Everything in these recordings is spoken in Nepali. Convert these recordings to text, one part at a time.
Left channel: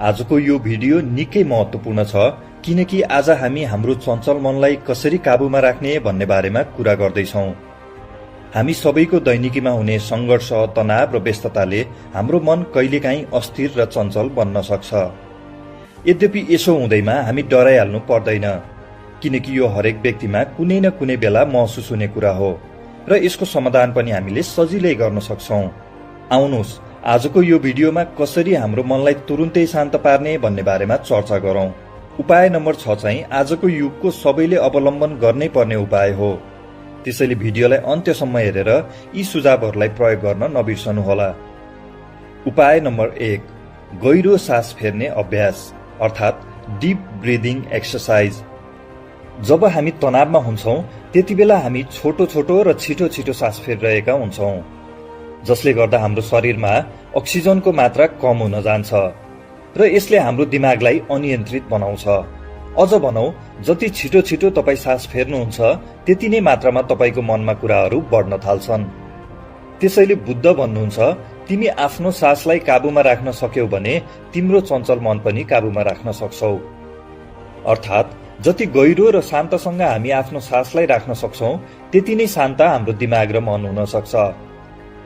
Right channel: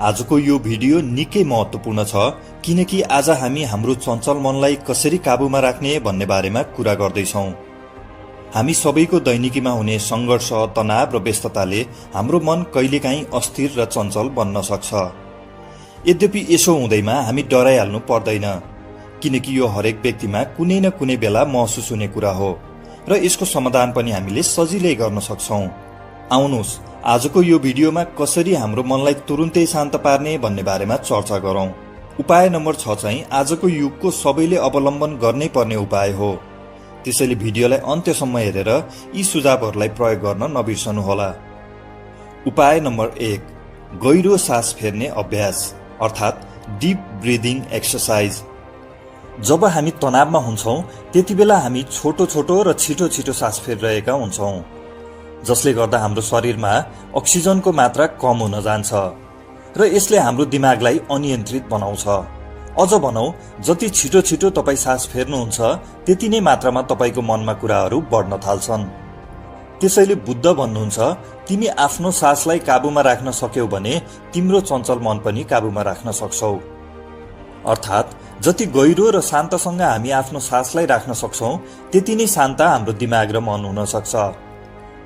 आजको यो भिडियो निकै महत्त्वपूर्ण छ किनकि आज हामी हाम्रो चञ्चल मनलाई कसरी काबुमा राख्ने भन्ने बारेमा कुरा गर्दैछौं। हामी सबैको दैनिकीमा हुने संघर्ष, तनाव र व्यस्तताले हाम्रो मन कहिलेकाहीँ अस्थिर र चञ्चल बन्न सक्छ। यद्यपि यसो हुँदैमा हामी डराइहाल्नु पर्दैन किनकि यो हरेक व्यक्तिमा कुनै न कुनै बेला महसुस हुने कुरा हो र यसको समाधान पनि हामीले सजिलै गर्न सक्छौं। आउनुहोस् आजको यो भिडियोमा कसरी हाम्रो मनलाई तुरुन्तै शान्त पार्ने भन्ने बारेमा चर्चा गरौं। उपाय नम्बर 6 चाहिँ आजको युगको सबैले अवलम्बन गर्नै पर्ने उपाय हो। त्यसैले भिडियोलाई अन्त्यसम्म हेरेर यी सुझावहरूलाई प्रयोग गर्न नबिर्सनुहोला। उपाय नम्बर 1, गहिरो सास फेर्ने अभ्यास अर्थात् डीप ब्रिदिङ एक्सरसाइज। जब हामी तनावमा हुन्छौं त्यतिबेला हामी छोटो छोटो र छिटो छिटो सास फेरिरहेका हुन्छौं, जसले गर्दा हाम्रो शरीरमा अक्सिजनको मात्रा कम हुन जान्छ र यसले हाम्रो दिमागलाई अनियन्त्रित बनाउँछ। अझ भनौं, जति छिटो छिटो तपाई सास फेर्नुहुन्छ त्यति नै मात्रामा तपाईको मनमा कुराहरू बढ्न थाल्छन्। त्यसैले बुद्ध भन्नुहुन्छ, तिमी आफ्नो सासलाई काबुमा राख्न सक्यौ भने तिम्रो चञ्चल मन पनि काबुमा राख्न सक्छौ। अर्थात् जति गहिरो र शान्तसँग हामी आफ्नो सासलाई राख्न सक्छौं त्यति नै शान्त हाम्रो दिमाग र मन हुन सक्छ।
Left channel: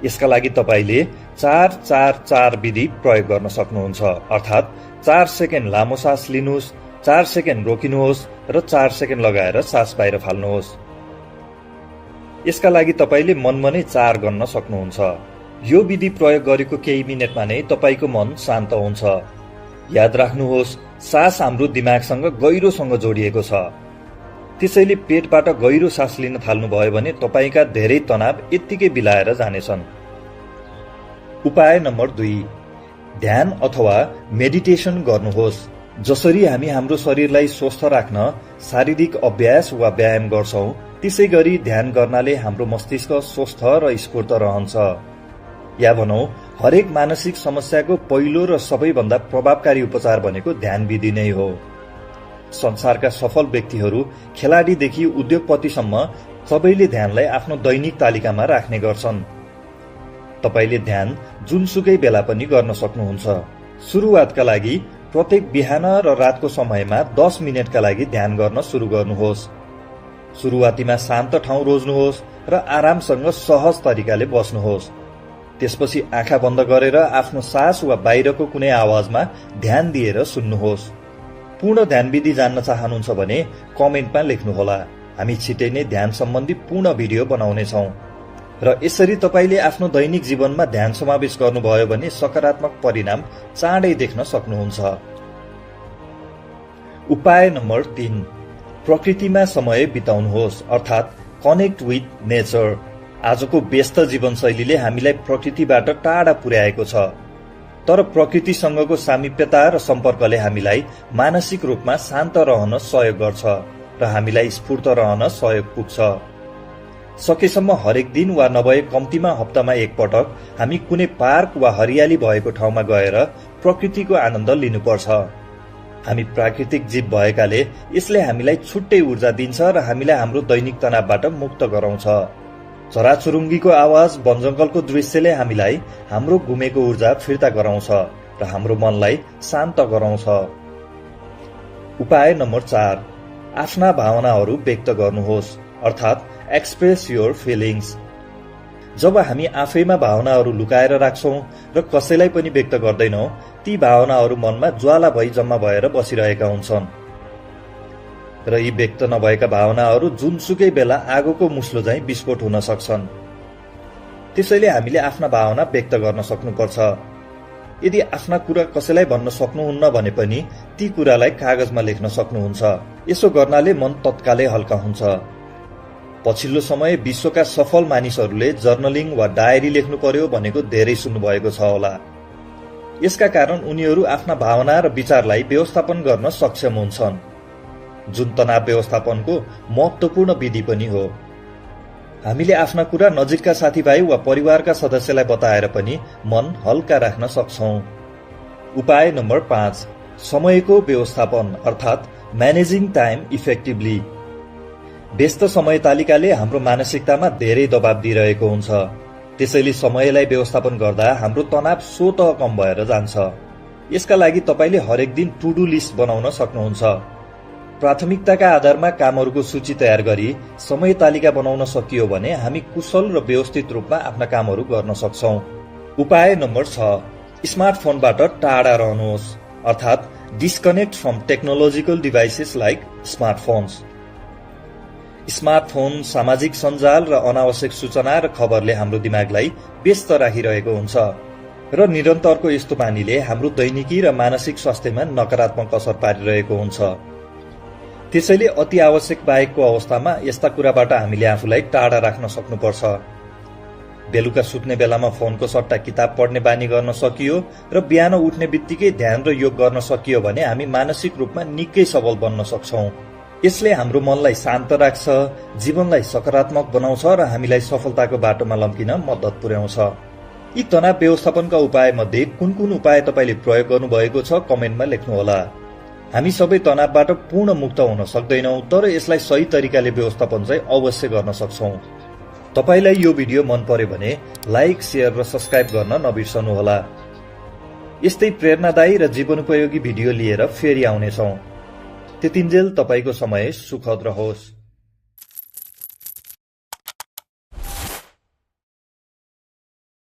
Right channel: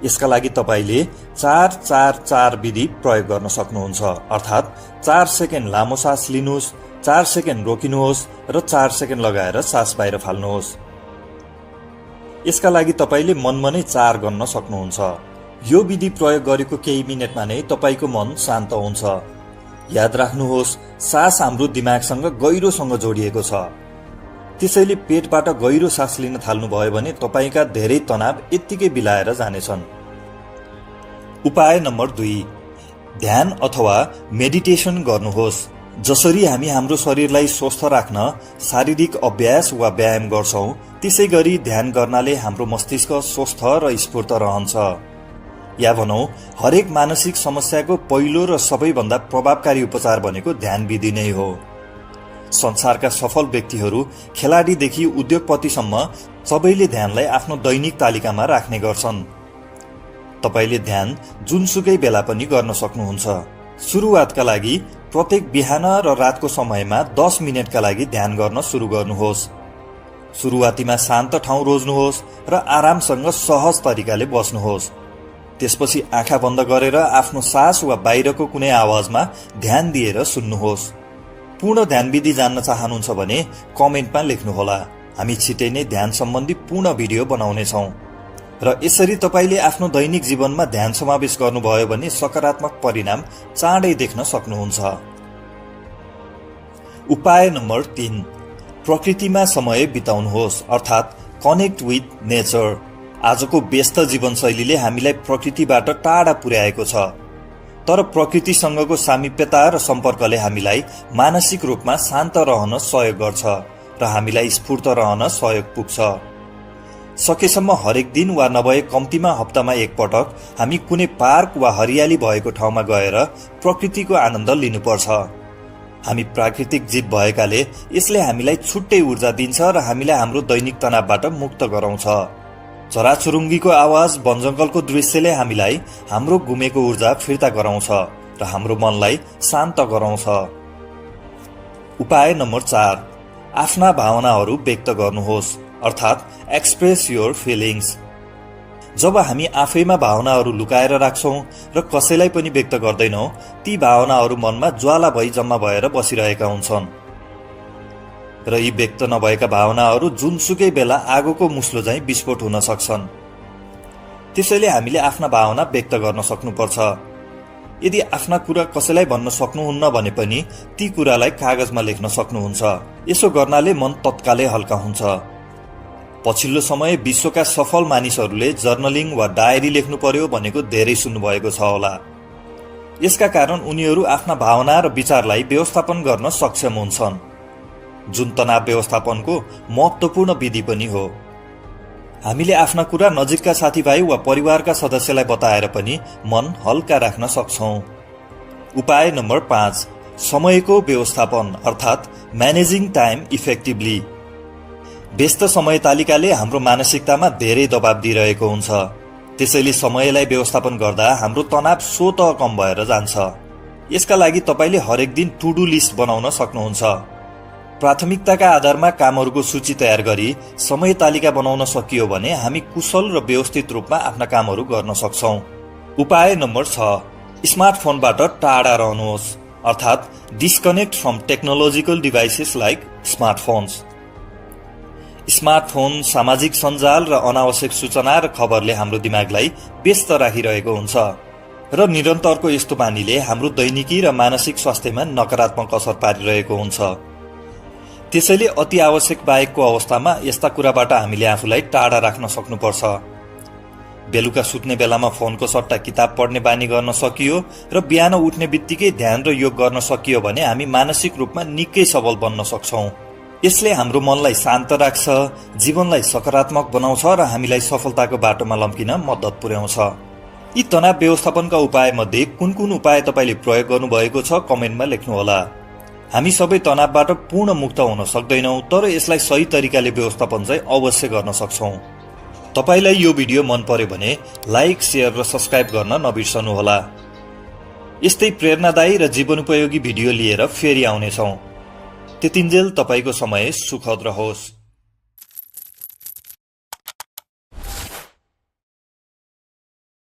यसका लागि तपाईले 4-4-4 विधि प्रयोग गर्न सक्नुहुन्छ। अर्थात् 4 सेकेन्ड लामो सास लिनुहोस्, 4 सेकेन्ड रोकिनुहोस् र 4 सेकेन्ड लगाएर सास बाहिर फाल्नुहोस्। यसका लागि तपाईले मनमा नै 4 गन्न सक्नुहुन्छ। यो विधि प्रयोग गरेको केही मिनेटमा नै तपाईको मन शान्त हुन्छ। याद राख्नुहोस्, सास हाम्रो दिमागसँग गहिरोसँग जोडिएको छ। त्यसैले पेटबाट गहिरो सास लिन थाल्नुभयो भने तपाईका धेरै तनाव यत्तिकै बिलाएर जानेछन्। उपाय नम्बर 2, ध्यान अथवा मेडिटेसन गर्नुहोस्। जसरी हामी हाम्रो शरीरलाई स्वस्थ राख्न शारीरिक अभ्यास वा व्यायाम गर्छौं, त्यसै गरी ध्यान गर्नाले हाम्रो मस्तिष्क स्वस्थ र स्फूर्त रहन्छ। या भनौं, हरेक मानसिक समस्याको पहिलो र सबैभन्दा प्रभावकारी उपचार भनेको ध्यान विधि नै हो। संसारका सफल व्यक्तिहरू, खेलाडीदेखि उद्योगपतिसम्म सबैले ध्यानलाई आफ्नो दैनिक तालिकामा राख्ने गर्छन्। तपाईले ध्यान जुनसुकै बेला पनि गर्न सक्नुहुन्छ। सुरुवातका लागि प्रत्येक बिहान र रातको समयमा 10 मिनेटका लागि ध्यान गर्न सुरु गर्नुहोस्। सुरुवातीमा शान्त ठाउँ रोज्नुहोस् र आरामसँग सहज तरिकाले बस्नुहोस्। त्यसपछि आँखा बन्द गरेर आफ्नो सास वा बाहिरको कुनै आवाजमा ध्यान दिएर सुन्नुहोस्। पूर्ण ध्यान विधि जान्न चाहनुहुन्छ भने कमेन्टमा लेख्नुहोला। हामी छिटै नै ध्यान सम्बन्धी पूर्ण भिडियो बनाउनेछौं र यसरी तपाईले आफ्नो दैनिक जीवनमा ध्यान समावेश गर्नुभयो भने सकारात्मक परिणाम चाँडै देख्न सक्नुहुन्छ। उपाय नम्बर 3, प्रकृतिमा समय बिताउनुहोस् अर्थात् कनेक्ट विथ नेचर। आजको व्यस्त जीवनशैलीले हामीलाई प्रकृतिबाट टाढा पुर्याएको छ, तर प्रकृतिसँगको सामिप्यता र सम्पर्कले हामीलाई मानसिक रूपमा शान्त रहन सहयोग गर्छ र हामीलाई स्फूर्त रहन सहयोग पुग्छ। सकेसम्म हरेक दिन वा नभए कम्तीमा हप्तामा एकपटक हामी कुनै पार्क वा हरियाली भएको ठाउँमा गएर प्रकृतिको आनन्द लिनुपर्छ। हामी प्राकृतिक जीव भएकाले यसले हामीलाई छुट्टै ऊर्जा दिन्छ र हामीलाई हाम्रो दैनिक तनावबाट मुक्त गराउँछ। चराचुरुङ्गीको आवाज, वनजङ्गलको दृश्यले हामीलाई हाम्रो गुमेको ऊर्जा फिर्ता गराउँछ र हाम्रो मनलाई शान्त गराउँछ। उपाय नम्बर 4, आफ्ना भावनाहरू व्यक्त गर्नुहोस् अर्थात् एक्सप्रेस योर फिलिङ्स। जब हामी आफैमा भावनाहरू लुकाएर राख्छौं र कसैलाई पनि व्यक्त गर्दैनौं, ती भावनाहरू मनमा ज्वाला भई जम्मा भएर बसिरहेका हुन्छन् र यी व्यक्त नभएका भावनाहरू जुनसुकै बेला आगोको मुस्लो झैं विस्फोट हुन सक्छन्। त्यसैले हामीले आफ्ना भावना व्यक्त गर्न सक्नुपर्छ। यदि आफ्ना कुरा कसैलाई भन्न सक्नुहुन्न भने पनि ती कुरालाई कागजमा लेख्न सक्नुहुन्छ। यसो गर्नाले मन तत्कालै हल्का हुन्छ। पछिल्लो समय विश्वका सफल मानिसहरूले जर्नलिङ वा डायरी लेख्नु पर्यो भनेको धेरै सुन्नुभएको छ होला। यसका कारण उनीहरू आफ्ना भावना र विचारलाई व्यवस्थापन गर्न सक्षम हुन्छन्, जुन तनाव व्यवस्थापनको महत्त्वपूर्ण विधि पनि हो। हामीले आफ्ना कुरा नजिकका साथीभाइ वा परिवारका सदस्यलाई बताएर पनि मन हल्का राख्न सक्छौं। उपाय नम्बर 5, समयको व्यवस्थापन अर्थात् म्यानेजिङ टाइम इफेक्टिभली। व्यस्त समय तालिकाले हाम्रो मानसिकतामा धेरै दबाव दिइरहेको हुन्छ। त्यसैले समयलाई व्यवस्थापन गर्दा हाम्रो तनाव स्वतः कम भएर जान्छ। यसका लागि तपाईले हरेक दिन टु डु लिस्ट बनाउन सक्नुहुन्छ। प्राथमिकताका आधारमा कामहरूको सूची तयार गरी समय तालिका बनाउन सकियो भने हामी कुशल र व्यवस्थित रूपमा आफ्ना कामहरू गर्न सक्छौं। उपाय नम्बर 6, स्मार्टफोनबाट टाढा रहनुहोस्, अर्थात् disconnect from technological devices like smartphones. Smartphone, सामाजिक सञ्जाल र अनावश्यक सूचना र खबरले हाम्रो दिमागलाई व्यस्त राखिरहेको हुन्छ र निरन्तरको यस्तो बानीले हाम्रो दैनिकी र मानसिक स्वास्थ्यमा नकारात्मक असर पारिरहेको हुन्छ। त्यसैले अति आवश्यक बाहेकको अवस्थामा यस्ता कुराबाट हामीले आफूलाई टाढा राख्न सक्नुपर्छ। बेलुका सुत्ने बेलामा फोनको सट्टा किताब पढ्ने बानी गर्न सकियो र बिहान उठ्ने बित्तिकै ध्यान र योग गर्न सकियो भने हामी मानसिक रूपमा निकै सबल बन्न सक्छौं। यसले हाम्रो मनलाई शान्त राख्छ, जीवनलाई सकारात्मक बनाउँछ र हामीलाई सफलताको बाटोमा लम्किन मद्दत पुर्याउँछ। यी तनाव व्यवस्थापनका उपाय मध्ये कुन कुन उपाय तपाईले प्रयोग गर्नुभएको छ कमेन्टमा लेख्नुहोला। हामी सबै तनावबाट पूर्ण मुक्त हुन सक्दैनौं, तर यसलाई सही तरिकाले व्यवस्थापन चाहिँ अवश्य गर्न सक्छौं। तपाईलाई यो भिडियो मन पर्यो भने लाइक, शेयर र सब्स्क्राइब गर्न नबिर्सनुहोला। यस्तै प्रेरणादायी र जीवनोपयोगी भिडियो लिएर फेरि आउनेछौं। त्यतिन्जेल तपाईको समय सुखद रहोस्।